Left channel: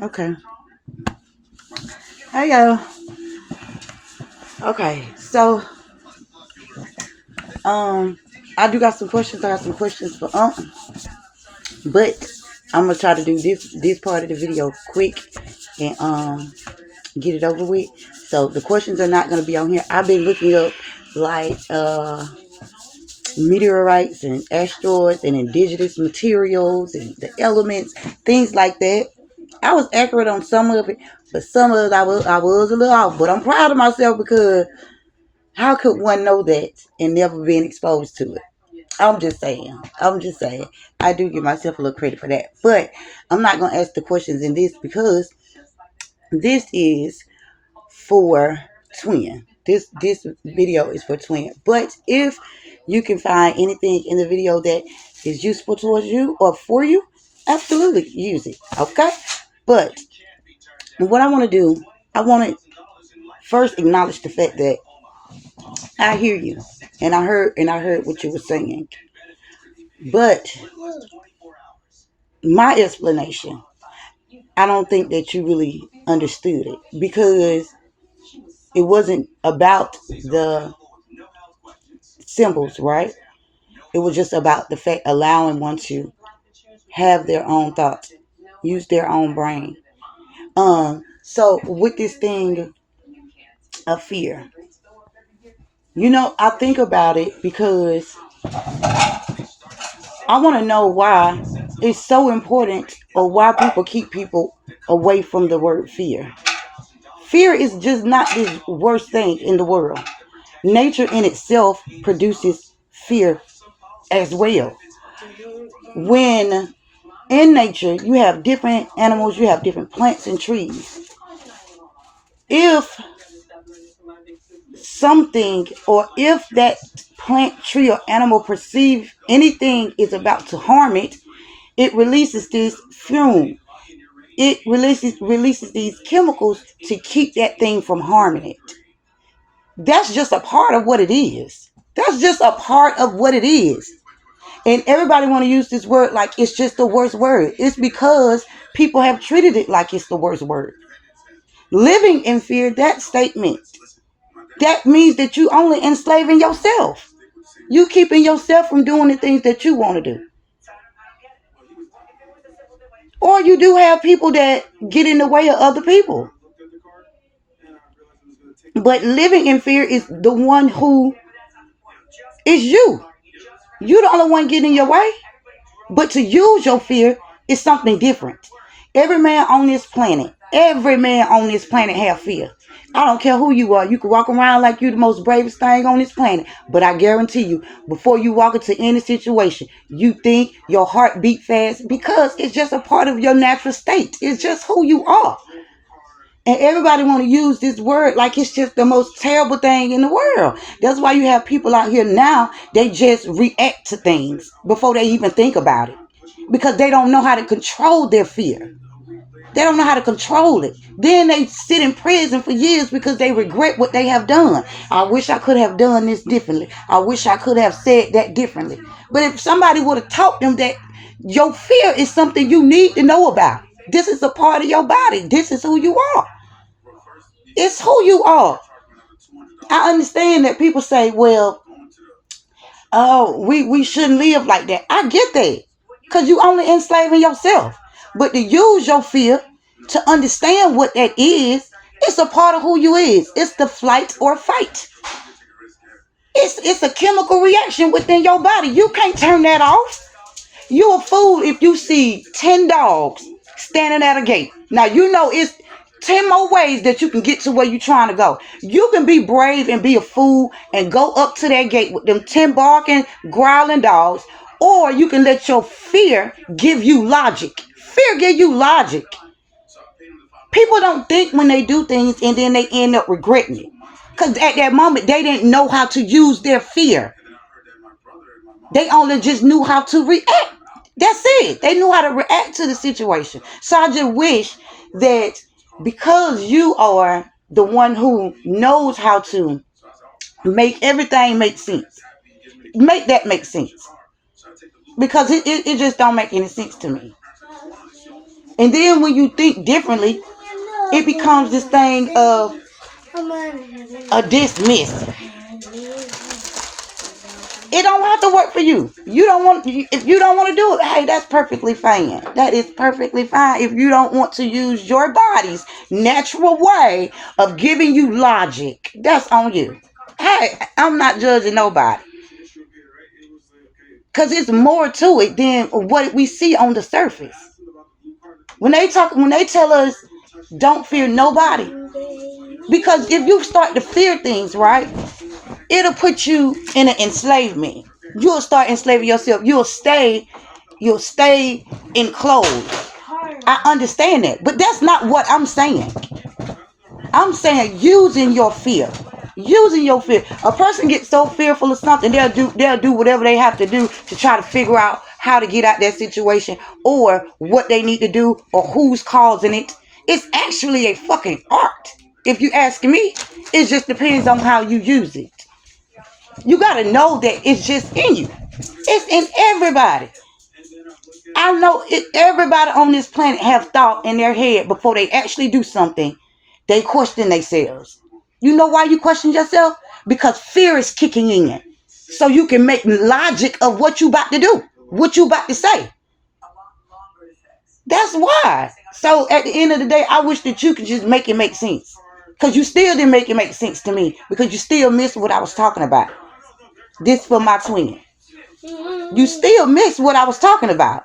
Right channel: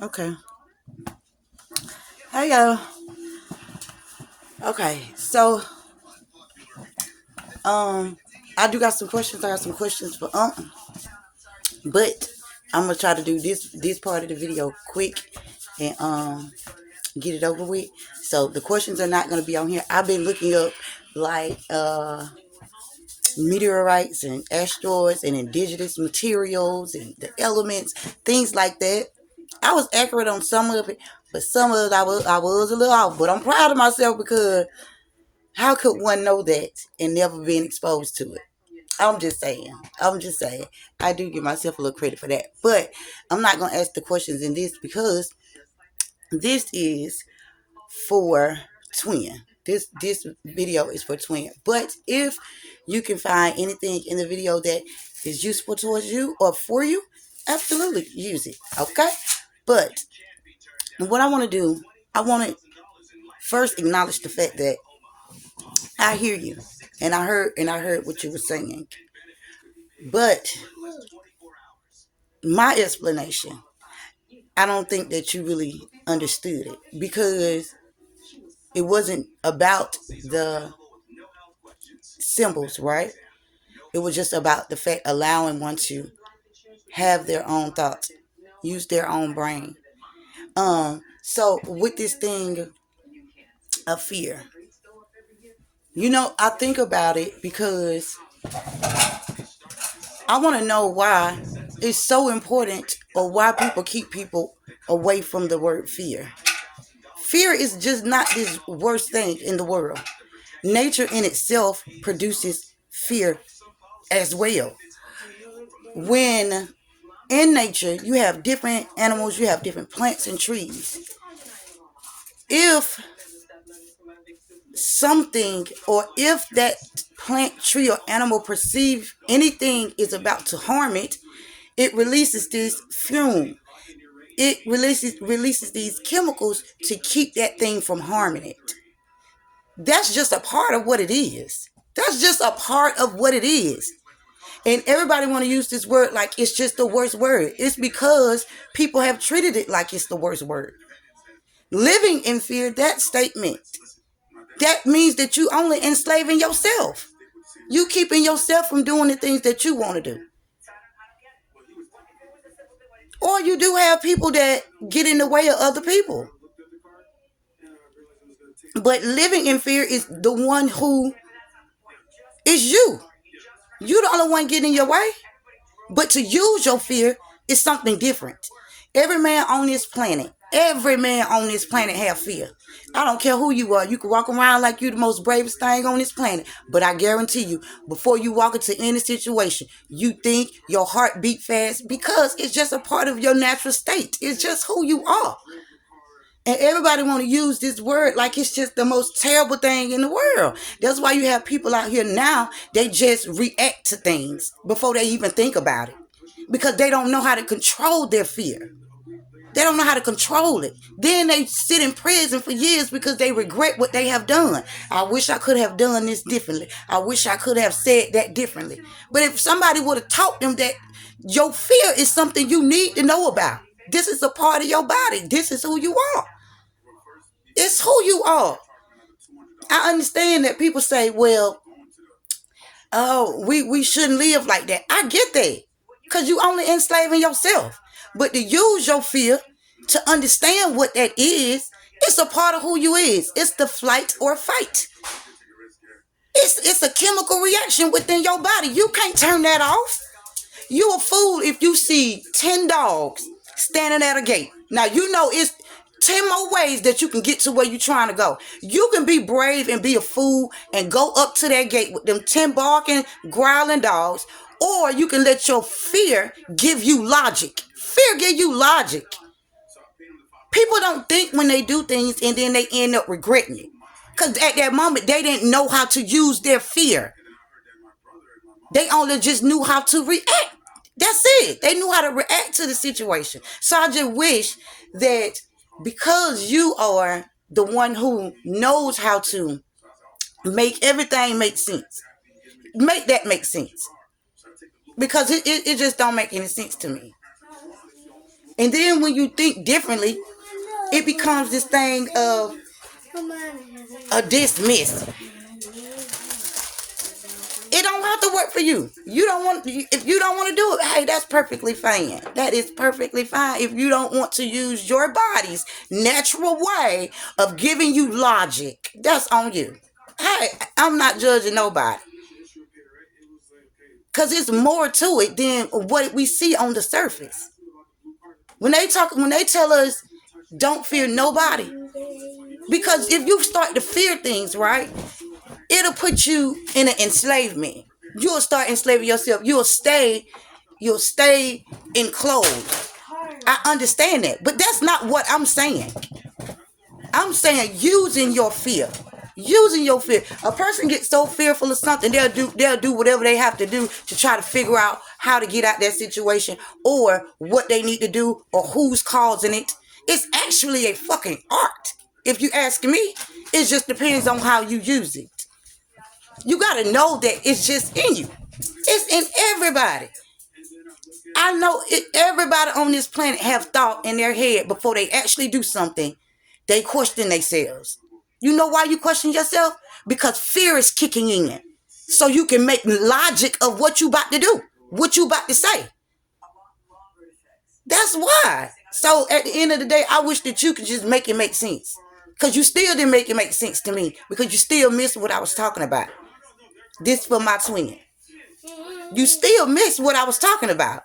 Okay. Hey yo. Okay. So um I do got some questions. I got some questions for but I'm gonna try to do this part of the video quick and get it over with. So the questions are not gonna be on here. I've been looking up like meteorites and asteroids and indigenous materials and the elements, things like that. I was accurate on some of it, but some of it I was a little off. But I'm proud of myself because how could one know that and never been exposed to it? I'm just saying. I'm just saying. I do give myself a little credit for that. But I'm not gonna ask the questions in this because this is for twin. This video is for twin. But if you can find anything in the video that is useful towards you or for you, absolutely use it. Okay? But what I want to do, I want to first acknowledge the fact that I hear you and I heard what you were saying. But my explanation, I don't think that you really understood it because it wasn't about the symbols, right? It was just about the fact allowing one to have their own thoughts, use their own brain. So with this thing of fear, I think about it because I want to know why it's so important or why people keep people away from the word fear. Fear is just not this worst thing in the world. Nature in itself produces fear as well. When in nature you have different animals, you have different plants and trees. If something or if that plant, tree, or animal perceive anything is about to harm it, it releases this fume. It releases these chemicals to keep that thing from harming it. That's just a part of what it is. That's just a part of what it is. And everybody want to use this word like it's just the worst word. It's because people have treated it like it's the worst word. Living in fear, that statement, that means that you only enslaving yourself. You keeping yourself from doing the things that you want to do. Or you do have people that get in the way of other people. But living in fear is the one who is you. You the only one getting in your way. But to use your fear is something different. Every man on this planet have fear. I don't care who you are. You can walk around like you the most bravest thing on this planet. But I guarantee you, before you walk into any situation, you think your heart beat fast because it's just a part of your natural state. It's just who you are. And everybody want to use this word like it's just the most terrible thing in the world. That's why you have people out here now, they just react to things before they even think about it. Because they don't know how to control their fear. They don't know how to control it. Then they sit in prison for years because they regret what they have done. I wish I could have done this differently. I wish I could have said that differently. But if somebody would have taught them that your fear is something you need to know about. This is a part of your body. This is who you are. It's who you are. I understand that people say, well, oh, we shouldn't live like that. I get that. Because you only enslaving yourself. But to use your fear to understand what that is, it's a part of who you is. It's the flight or fight. It's a chemical reaction within your body. You can't turn that off. You a fool if you see 10 dogs standing at a gate. Now you know it's 10 more ways that you can get to where you're trying to go. You can be brave and be a fool and go up to that gate with them 10 barking, growling dogs, or you can let your fear give you logic. Fear give you logic. People don't think when they do things and then they end up regretting it. Because at that moment, they didn't know how to use their fear. They only just knew how to react. That's it. They knew how to react to the situation. So I just wish that because you are the one who knows how to make everything make sense, make that make sense. Because it just don't make any sense to me. And then when you think differently, it becomes this thing of a dismiss. It don't have to work for you. You don't want, if you don't want to do it, hey, that's perfectly fine. That is perfectly fine. If you don't want to use your body's natural way of giving you logic, that's on you. Hey, I'm not judging nobody. Because it's more to it than what we see on the surface. When they tell us don't fear nobody, because if you start to fear things, right, it'll put you in an enslavement. You'll start enslaving yourself. You'll stay enclosed. I understand that, but that's not what I'm saying. I'm saying using your fear. Using your fear. A person gets so fearful of something, they'll do whatever they have to do to try to figure out how to get out that situation, or what they need to do, or who's causing it. It's actually a fucking art. If you ask me, it just depends on how you use it. You gotta know that it's just in you. It's in everybody. I know it. Everybody on this planet have thought in their head before they actually do something. They question themselves. You know why you question yourself? Because fear is kicking in. So you can make logic of what you about to do, what you about to say. That's why. So at the end of the day, I wish that you could just make it make sense. Because you still didn't make it make sense to me. Because you still missed what I was talking about. This for my twin. You still missed what I was talking about.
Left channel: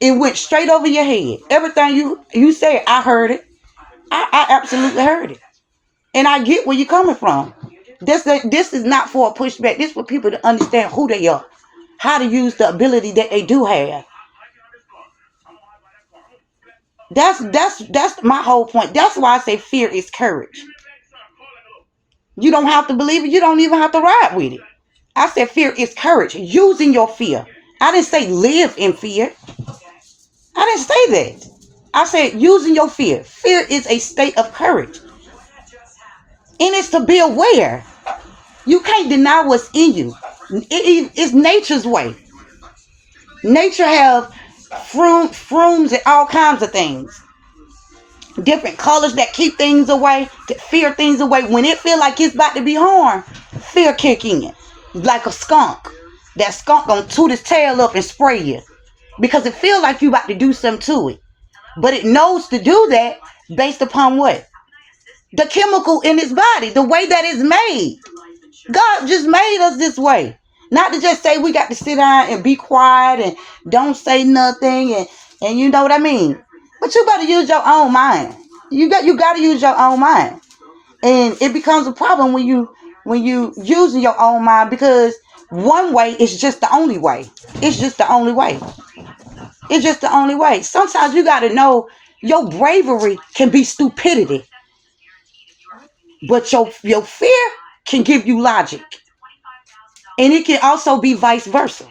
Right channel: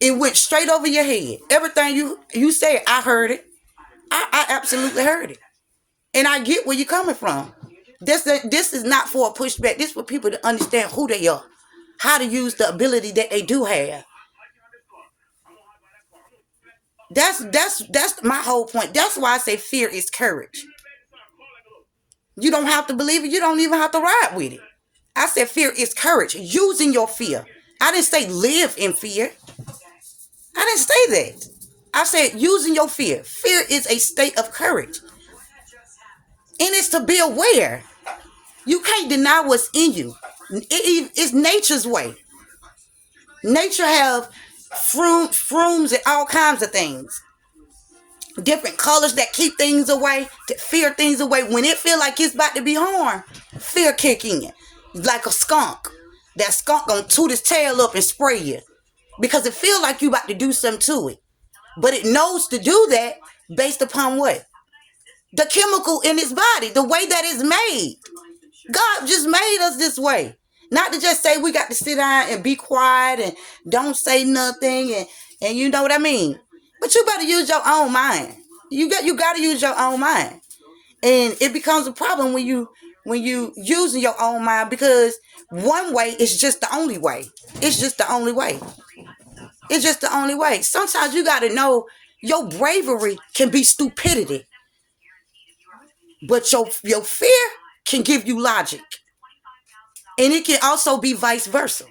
It went straight over your head. Everything you said, I heard it. I absolutely heard it. And I get where you're coming from. This is not for a pushback. This is for people to understand who they are. How to use the ability that they do have. That's my whole point. That's why I say fear is courage. You don't have to believe it. You don't even have to ride with it. I said fear is courage. Using your fear. I didn't say live in fear. I didn't say that. I said using your fear. Fear is a state of courage. And it's to be aware. You can't deny what's in you. It's nature's way. Nature have frumes and all kinds of things. Different colors that keep things away, to fear things away. When it feel like it's about to be harmed, fear kick in. Like a skunk. That skunk gonna toot its tail up and spray you. Because it feel like you about to do something to it. But it knows to do that based upon what? The chemical in its body, the way that it's made. God just made us this way. Not to just say we got to sit down and be quiet and don't say nothing and you know what I mean. But you got to use your own mind. You got to use your own mind. And it becomes a problem when you using your own mind, because one way is just the only way. It's just the only way. It's just the only way. Sometimes you got to know your bravery can be stupidity. But your fear can give you logic. And it can also be vice versa.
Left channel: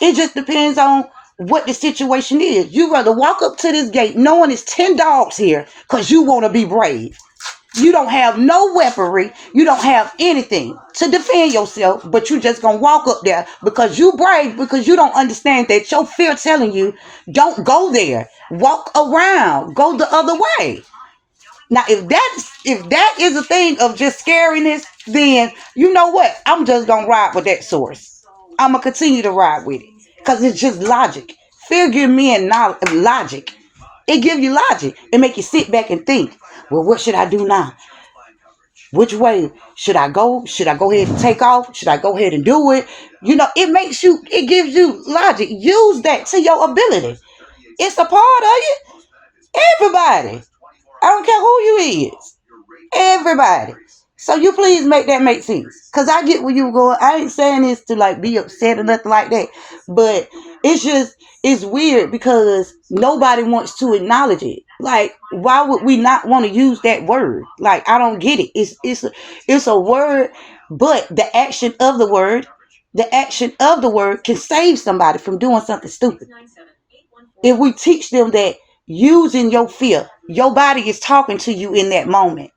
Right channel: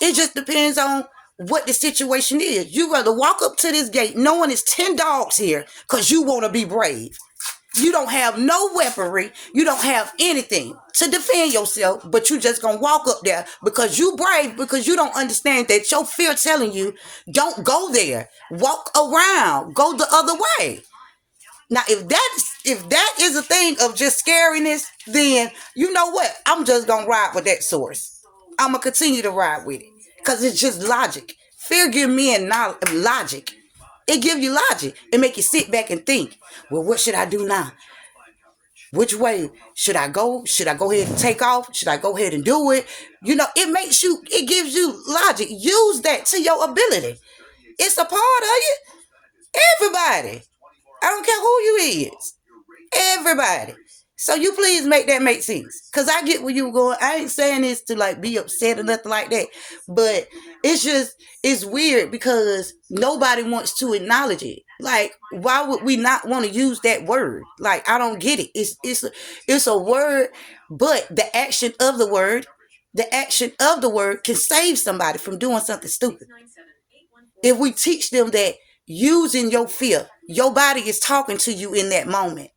It just depends on what the situation is. You rather walk up to this gate knowing it's 10 dogs here because you want to be brave. You don't have no weaponry. You don't have anything to defend yourself, but you just going to walk up there because you brave, because you don't understand that your fear telling you, don't go there. Walk around. Go the other way. Now, if that is a thing of just scariness, then you know what? I'm just going to ride with that source. I'm going to continue to ride with it because it's just logic. Fear gives me logic. It gives you logic. It make you sit back and think, well, what should I do now? Which way should I go? Should I go ahead and take off? Should I go ahead and do it? You know, it gives you logic. Use that to your ability. It's a part of you. Everybody. I don't care who you is. Everybody. So you please make that make sense. Because I get where you going. I ain't saying this to like be upset or nothing like that. But it's weird because nobody wants to acknowledge it. Like, why would we not want to use that word? Like, I don't get it. It's a word, but the action of the word can save somebody from doing something stupid. If we teach them that using your fear, your body is talking to you in that moment.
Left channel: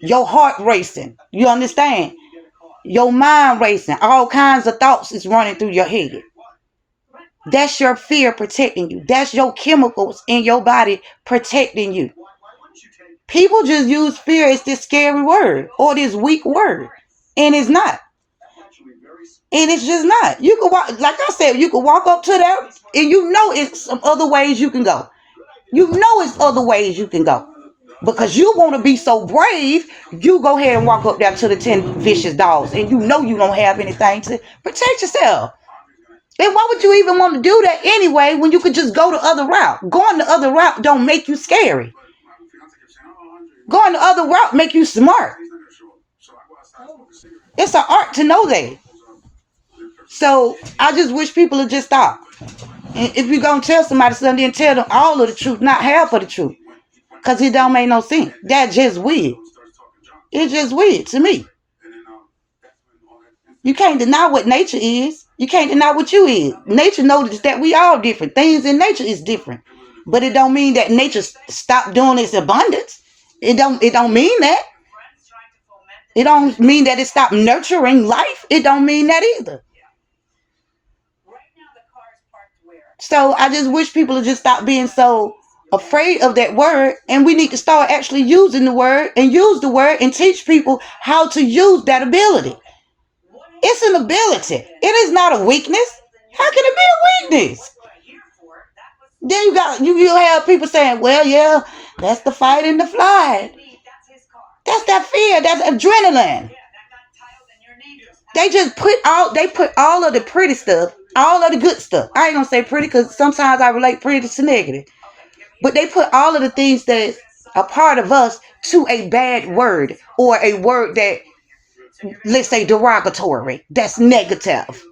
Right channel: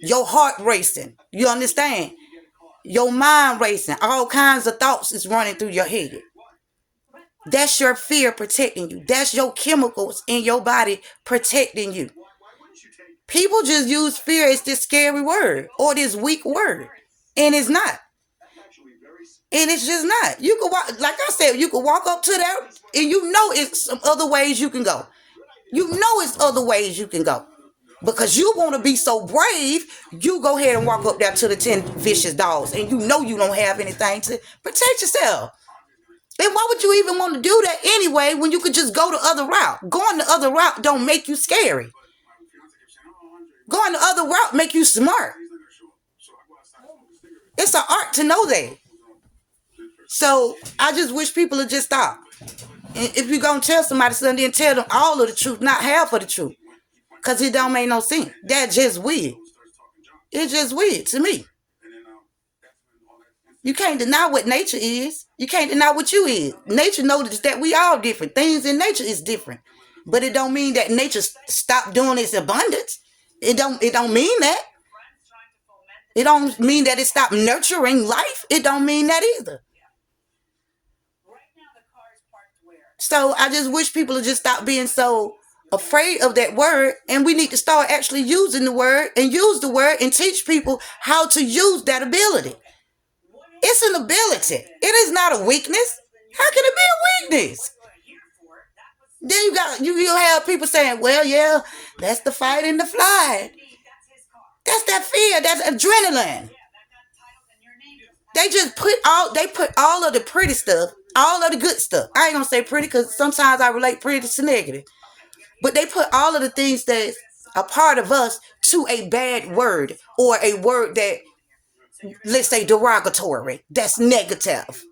Your heart racing. You understand? Your mind racing. All kinds of thoughts is running through your head. That's your fear protecting you. That's your chemicals in your body protecting you. People just use fear as this scary word or this weak word. And it's not. And it's just not. You can walk, like I said, you can walk up to that and you know it's some other ways you can go. You know it's other ways you can go. Because you want to be so brave, you go ahead and walk up there to the 10 vicious dogs and you know you don't have anything to protect yourself. And why would you even want to do that anyway when you could just go the other route? Going the other route don't make you scary. Going the other route make you smart. It's an art to know that. So I just wish people would just stop. And if you're going to tell somebody something, then tell them all of the truth, not half of the truth. Because it don't make no sense. That's just weird. It's just weird to me. You can't deny what nature is. You can't deny what you is. Nature knows that we all different. Things in nature is different. But it don't mean that nature stopped doing its abundance. It don't mean that. It don't mean that it stopped nurturing life. It don't mean that either. So I just wish people would just stop being so afraid of that word, and we need to start actually using the word and use the word and teach people how to use that ability. It's an ability. It is not a weakness. How can it be a weakness? Then you have people saying, well, yeah, that's the fight and the flight. That's that fear. That's adrenaline. They just put all of the pretty stuff, all of the good stuff. I ain't gonna say pretty because sometimes I relate pretty to negative. But they put all of the things that are part of us to a bad word or a word that, let's say, derogatory. That's negative.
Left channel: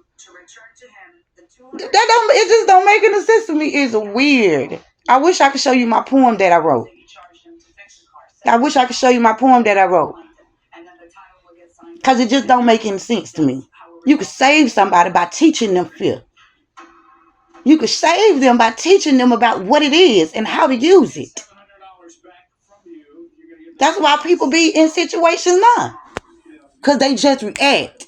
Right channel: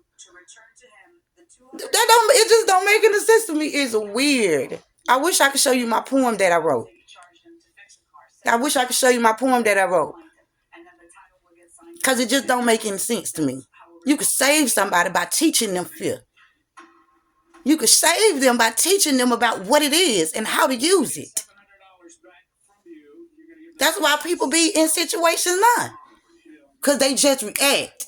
It just don't make any sense to me. It's weird. I wish I could show you my poem that I wrote. Because it just don't make any sense to me. You could save somebody by teaching them fear. You could save them by teaching them about what it is and how to use it. That's why people be in situations now. Because they just react.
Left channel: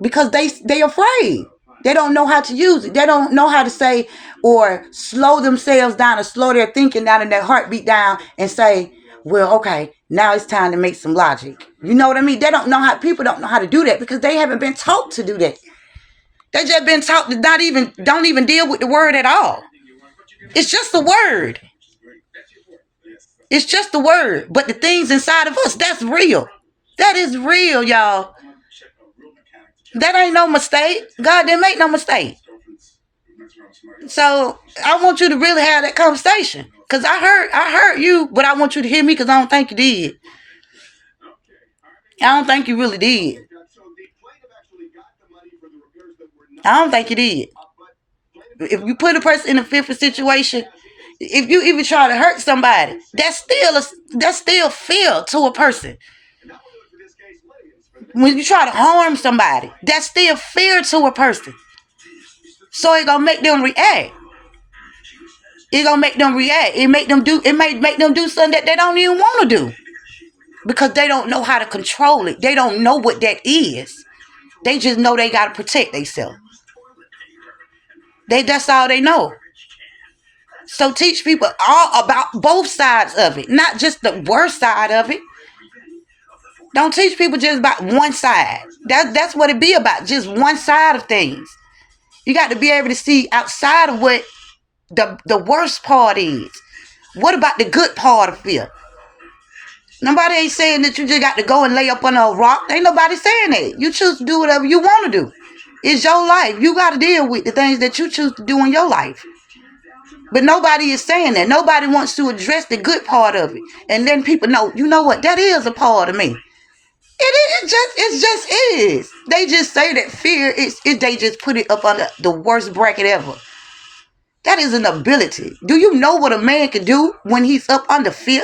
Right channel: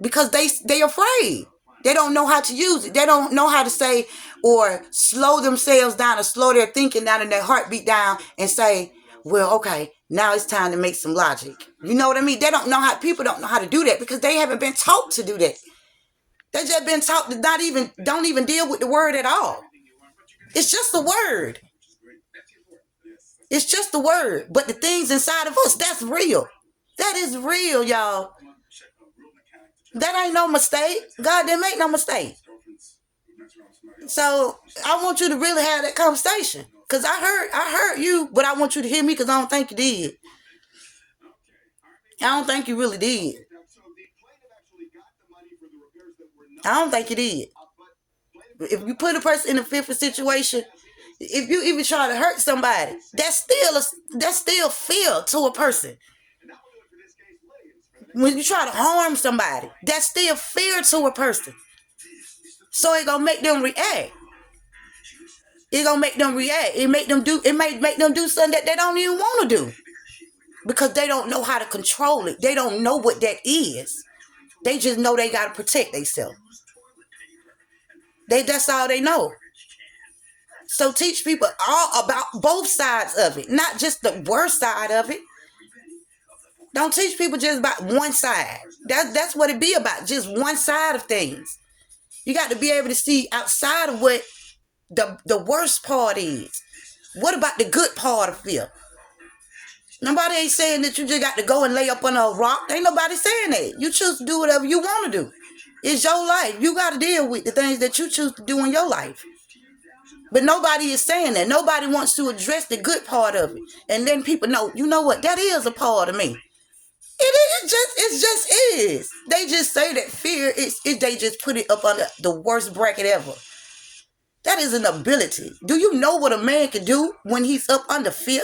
Because they afraid. They don't know how to use it. They don't know how to say or slow themselves down or slow their thinking down and their heartbeat down and say, well, okay, now it's time to make some logic. You know what I mean? People don't know how to do that because they haven't been taught to do that. They just been taught to don't even deal with the word at all. It's just a word. It's just a word. But the things inside of us, that's real. That is real, y'all. That ain't no mistake. God didn't make no mistake. So I want you to really have that conversation. Because I heard you, but I want you to hear me because I don't think you did. I don't think you really did. I don't think you did. If you put a person in a fearful situation, if you even try to hurt somebody, that's still fear to a person. When you try to harm somebody, that's still fear to a person. So it gonna make them react. It may make them do something that they don't even want to do. Because they don't know how to control it. They don't know what that is. They just know they gotta protect themselves. That's all they know. So teach people all about both sides of it, not just the worst side of it. Don't teach people just about one side. That's what it be about, just one side of things. You got to be able to see outside of what the worst part is. What about the good part of fear? Nobody ain't saying that you just got to go and lay up on a rock. Ain't nobody saying that. You choose to do whatever you want to do. It's your life. You got to deal with the things that you choose to do in your life. But nobody is saying that. Nobody wants to address the good part of it. And then people know, you know what? That is a part of me. It just is. They just say that fear they just put it up under the worst bracket ever. That is an ability. Do you know what a man can do when he's up under fear?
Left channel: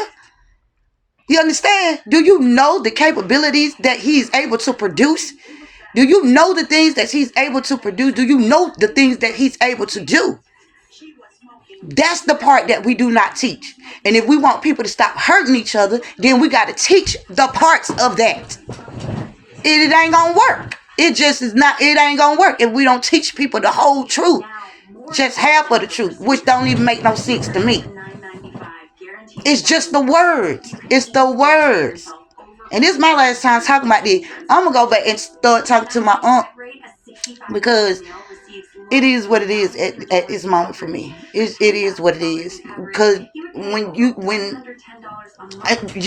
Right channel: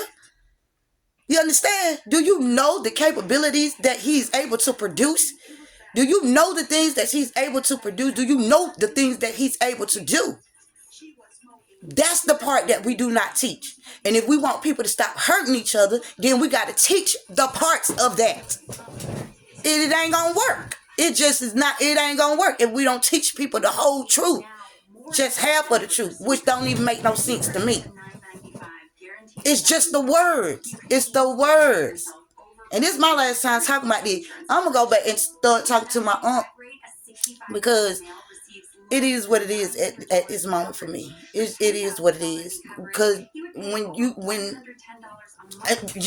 You understand? Do you know the capabilities that he's able to produce? Do you know the things that he's able to produce? Do you know the things that he's able to do? That's the part that we do not teach. And if we want people to stop hurting each other, then we got to teach the parts of that. It ain't going to work. It ain't going to work if we don't teach people the whole truth. just half of the truth, which don't even make no sense to me. It's just the words. It's the words. And this is my last time talking about this. I'm going to go back and start talking to my aunt, because it is what it is at this moment for me. It is what it is. Because when you're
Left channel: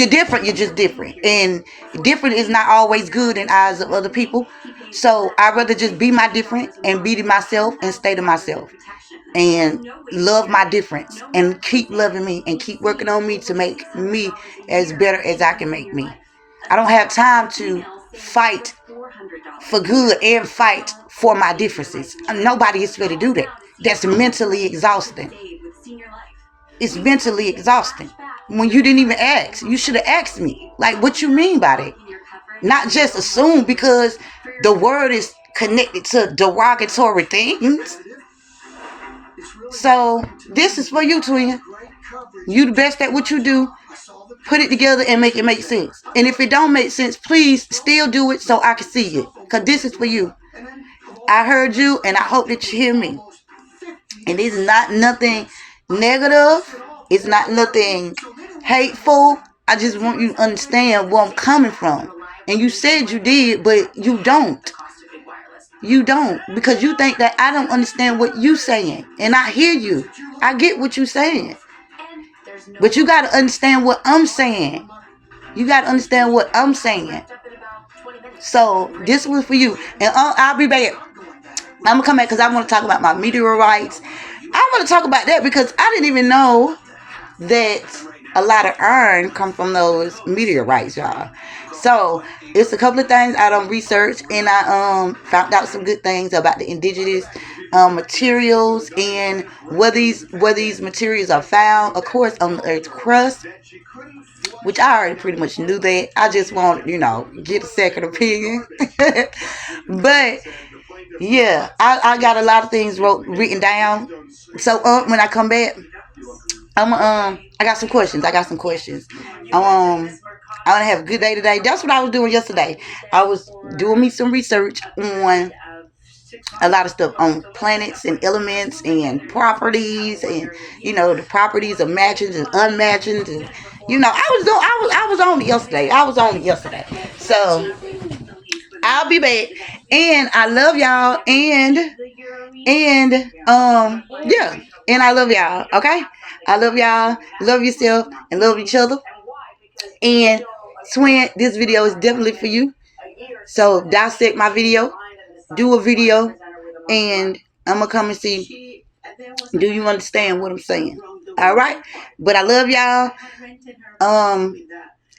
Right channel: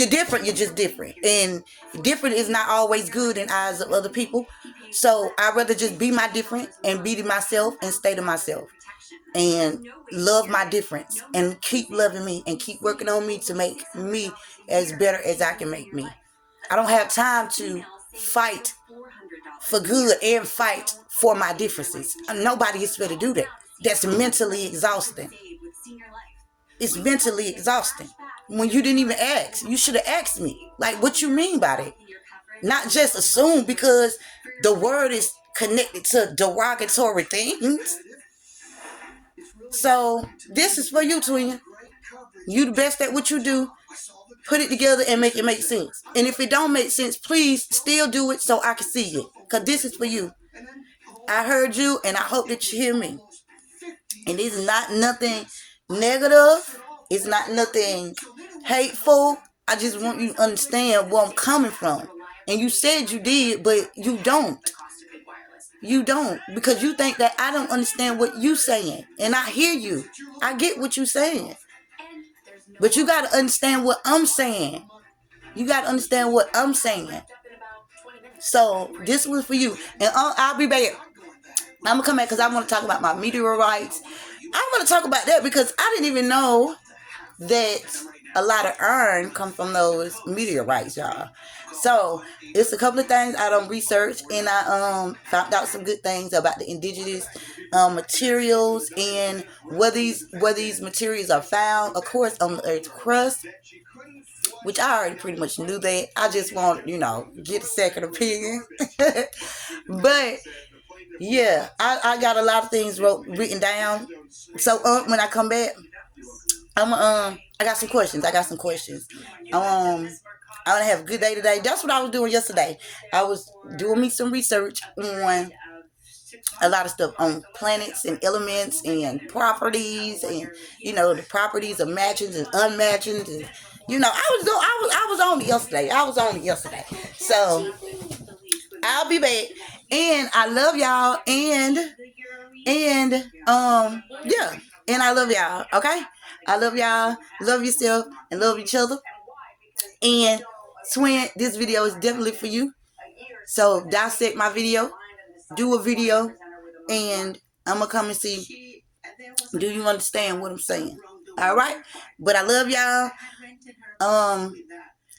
different, you're just different. And different is not always good in eyes of other people. So I'd rather just be my different and be to myself and stay to myself. And love my difference and keep loving me and keep working on me to make me as better as I can make me. I don't have time to fight for good and fight for my differences. Nobody is ready to do that. That's mentally exhausting. It's mentally exhausting. When you didn't even ask, you should have asked me. Like, what you mean by that? Not just assume because the word is connected to derogatory things. So this is for you, twin. You the best at what you do. Put it together and make it make sense. And if it don't make sense, please still do it so I can see it. Because this is for you. I heard you and I hope that you hear me. And this is not nothing negative. It's not nothing hateful. I just want you to understand where I'm coming from. And you said you did, but you don't. You don't, because you think that I don't understand what you saying. And I hear you. I get what you saying. But you got to understand what I'm saying. You got to understand what I'm saying. So this was for you. And I'll be back. I'm going to come back because I want to talk about my meteorites. I want to talk about that because I didn't even know that a lot of iron come from those meteorites, y'all. So it's a couple of things I done researched, and I found out some good things about the indigenous materials and where these materials are found. Of course, on the Earth's crust, which I already pretty much knew that. I just want get a second opinion. But yeah, I got a lot of things written down. So when I come back, I got some questions. I want to have a good day today. That's what I was doing yesterday. I was doing me some research on a lot of stuff on planets and elements and properties and the properties of matchings and unmatchings and I was on it yesterday. So I'll be back, and I love y'all, and yeah, and I love y'all. Okay, I love y'all. Love yourself and love each other. And twin, this video is definitely for you. So dissect my video, do a video, and I'm gonna come and see, do you understand what I'm saying? All right, but I love y'all.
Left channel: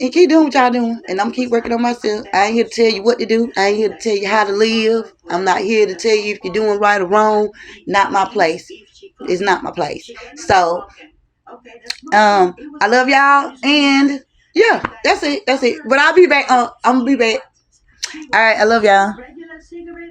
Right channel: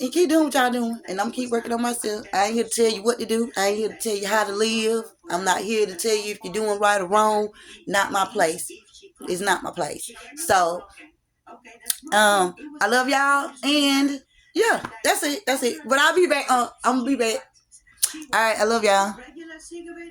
And keep doing what y'all doing, and I'm keep working on myself. I ain't here to tell you what to do. I ain't here to tell you how to live. I'm not here to tell you if you're doing right or wrong. Not my place. It's not my place. So I love y'all, and yeah, that's it. But I'll be back. I'm gonna be back. All right, I love y'all.